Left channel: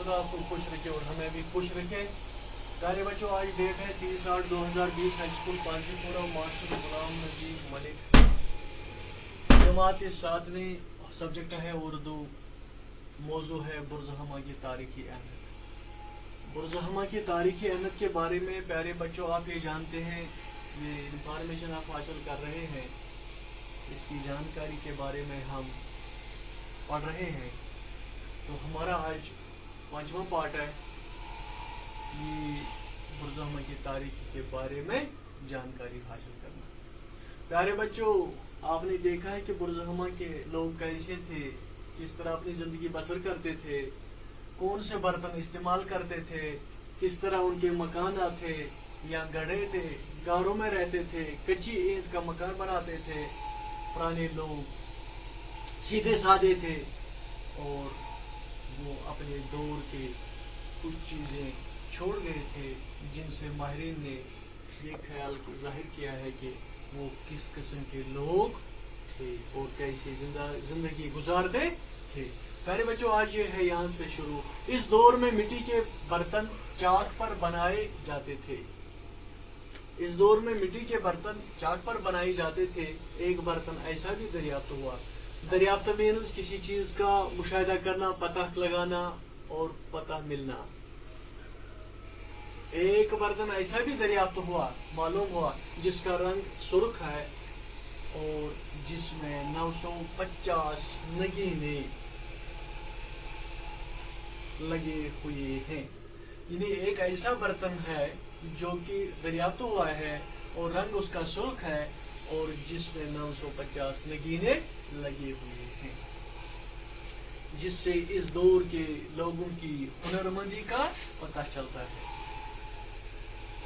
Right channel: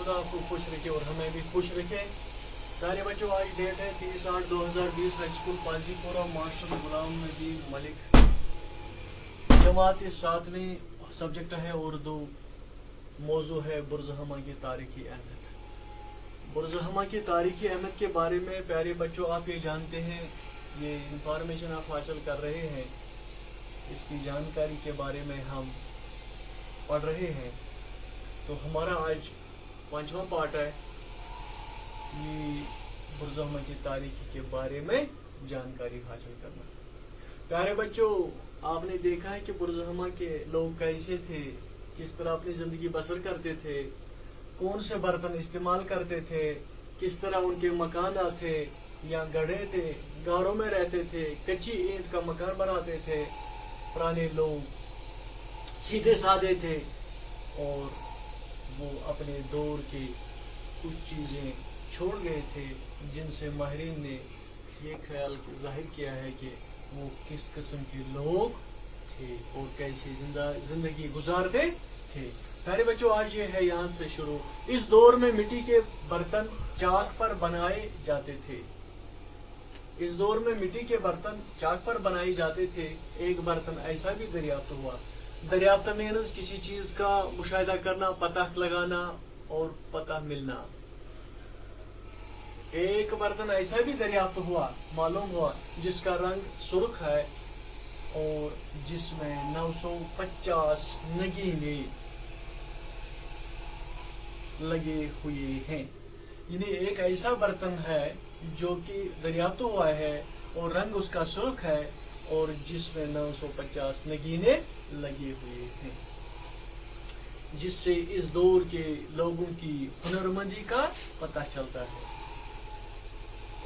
खुदा आपको खुश रखे और हमें भी खुश रखे। प्यारे बच्चों, आज डेट है 30/8/2020, high school पाजीपुरा, master Ghulam Nabi Malik, जमात 7वीं, सब्जेक्ट है उर्दू, मौजू है बुरज़हमा की तारीखी अहमियत। बुरज़हमा की तारीखी अहमियत के बारे में प्यारे बच्चों आप ये जानते हैं, ये इंफॉर्मेशन आप हासिल कर रहे हैं, इसकी जानकारी के बारे में हम पढ़ रहे हैं। तो हमारा आज 5वां पार्ट है, ये बुरज़हमा की तारीख के बारे में जानकारी हासिल करना। प्यारे बच्चों, आपने देखा है कि बुरज़हमा के लोग कैसे थे, किस तरह अपनी जिंदगी बसर करते थे, कौन से बर्तन इस्तेमाल करते थे, किस तरह उनके मकान थे या गढ़े थे, गारों में रहते थे, कच्ची ईंट का मकान बनाते थे। पुराने लोग सीधे साधे थे और वो अपने दौर के कुछ चीजें छोड़ गए थे जिनसे माहिरीन ने ये ख्याल जाहिर किया है कि वो किस किस्म के लोग थे और कैसे जिंदगी गुजारते थे। प्यारे बच्चों, आज ये है यहाँ से शुरू। इस दौर में मिट्टी के बर्तन चाट पर बनाए जाते थे। इस दौर में मिट्टी के बर्तन चाट पर बनाए जाते थे। एक बर्तन ऐसा भी दरियाफ्त हुआ। दरियाफ्त मीन्स किसी चीज का मुशाहिदा करना, पता लगाना और पता मिलना। एक बर्तन ऐसा भी दरियाफ्त हुआ, मालूम हुआ, जिसका रंग सुर्ख है और जिसमें 950 नगीने लगे हुए हैं। यानी एक ऐसा बर्तन है जो कि दरियाफ्त हुआ है और रंग उसका सुर्ख है और जिसमें 950 नगीने लगे हुए हैं, जिससे इस दौर के लोगों की हुनरमंदी का पता चलता है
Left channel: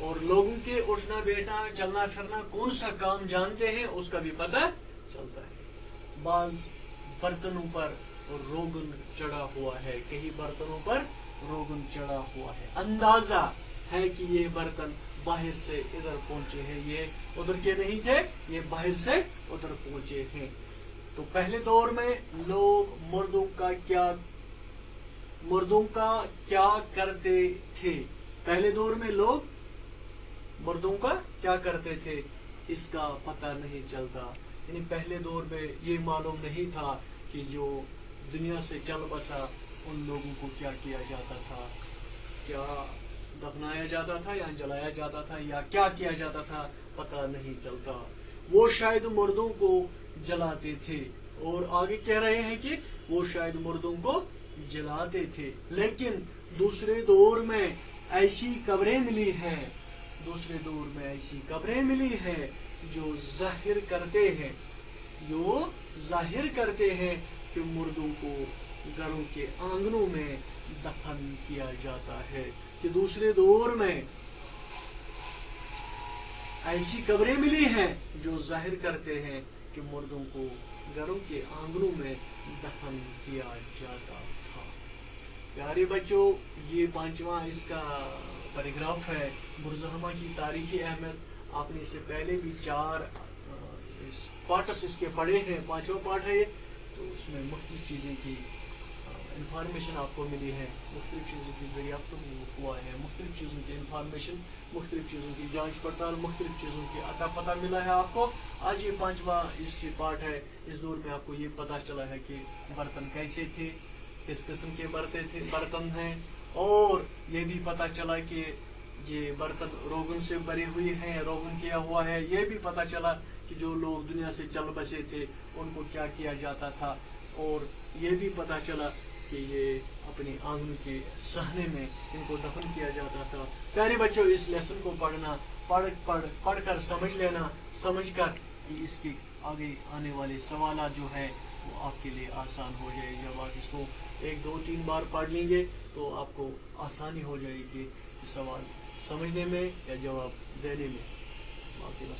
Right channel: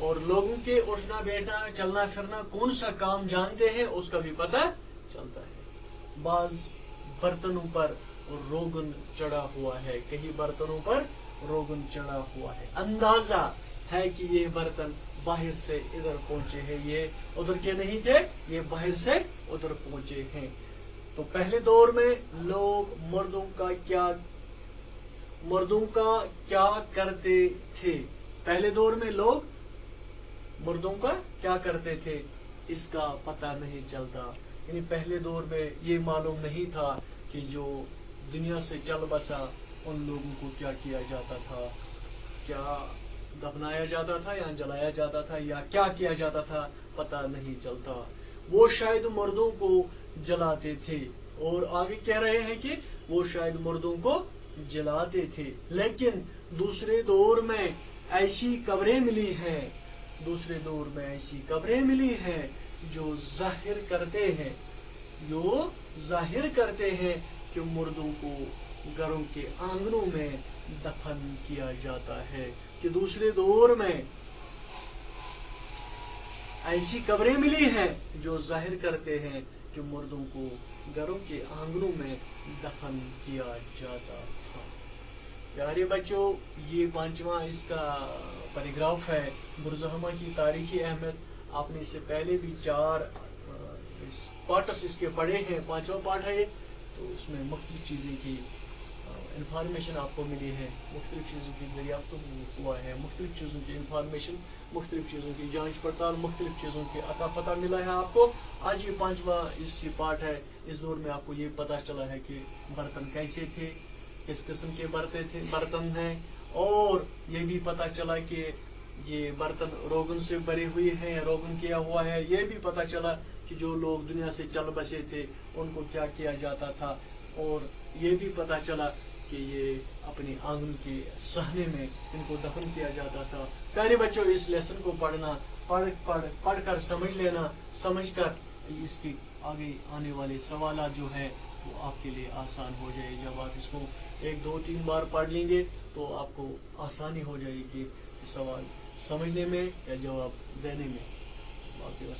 और लोगों के उठना बैठना, चलना फिरना, कौन सा काम जानते हैं उसका भी पता चलता है। बाज बर्तनों पर रोगन चढ़ा हुआ है, कई बर्तनों पर रोगन चढ़ा हुआ है। अंदाजा है कि ये बर्तन बाहर से इधर पहुंचे हैं, ये उधर के नहीं थे, ये बाहर से उधर पहुंचे हैं। तो पहले दौर में लोग मर्दों का क्या करते थे? पहले दौर में लोग मर्दों का क्या करते थे इसका पता नहीं चलता। यानी पहले दौर में ये मालूम नहीं था कि जो दुनिया से चल बसा उन लोगों को क्या किया जाता था, क्या दफनाया जाता था या जलाया जाता था या क्या किया जाता था, पता नहीं चलता। वो शायद मर्दों को जलाते थे और आगे कह रहे हैं कि वो शायद मर्दों को जलाते थे। लेकिन दूसरे दौर में ऐसी कब्रें मिली हैं, दूसरे दौर में ऐसी कब्रें मिली हैं जो जाहिर करते हैं कि मुर्दों को घरों के आंगनों में दफन किया जाता है। कि दूसरे दौर में ऐसी कब्रें मिली हैं जो जाहिर करते हैं कि मुर्दों को घरों के आंगनों में दफन किया जाता था। प्यारे बच्चों, ये 5वां इसका पैराग्राफ है, बुरज़हमा की तारीखी अहमियत। आपने इससे पहले भी 4 पार्ट्स इसके पढ़े हैं, 5वां पार्ट है ये। तो इसमें मुख्तलिफ चीज़ें की इंफॉर्मेशन आपको मिली है, मुख्तलिफ चीज़ों की दरियाफ्त हुआ है, मुख्तलिफ चीज़ों की इंफॉर्मेशन, मुख्तलिफ चीज़ों की जांच पड़ताल, मुख्तलिफ चीज़ों की अता पता मिला है आपको। आज ये 5वां इस पार्ट है। इस दौर में आपको ये पता चला है कि बर्तन कैसे थे, किस किस्म के बर्तन हैं, और ये भी पता चला कि ये बर्तन रोगन से भरे हुए हैं, रोगन किया हुआ है। ये भी पता चला कि जो लोग दुनिया से चल बसे थे उनको क्या किया जाता था, और ये भी पता चला कि ये अपने आंगन के सहने में इनको दफन किया जाता था। प्यारे बच्चों, इस लेसन को पढ़कर समझ लेना, समझकर इसके आगे आने वाले सवाल जो हैं वो आपके लिए आसान हो जाए। जब आप इसको 1, 2, 3 बार पढ़ लेंगे तो आपको आसानी हो जाएगी सवाल समझने में या जवाब देने में। बाकी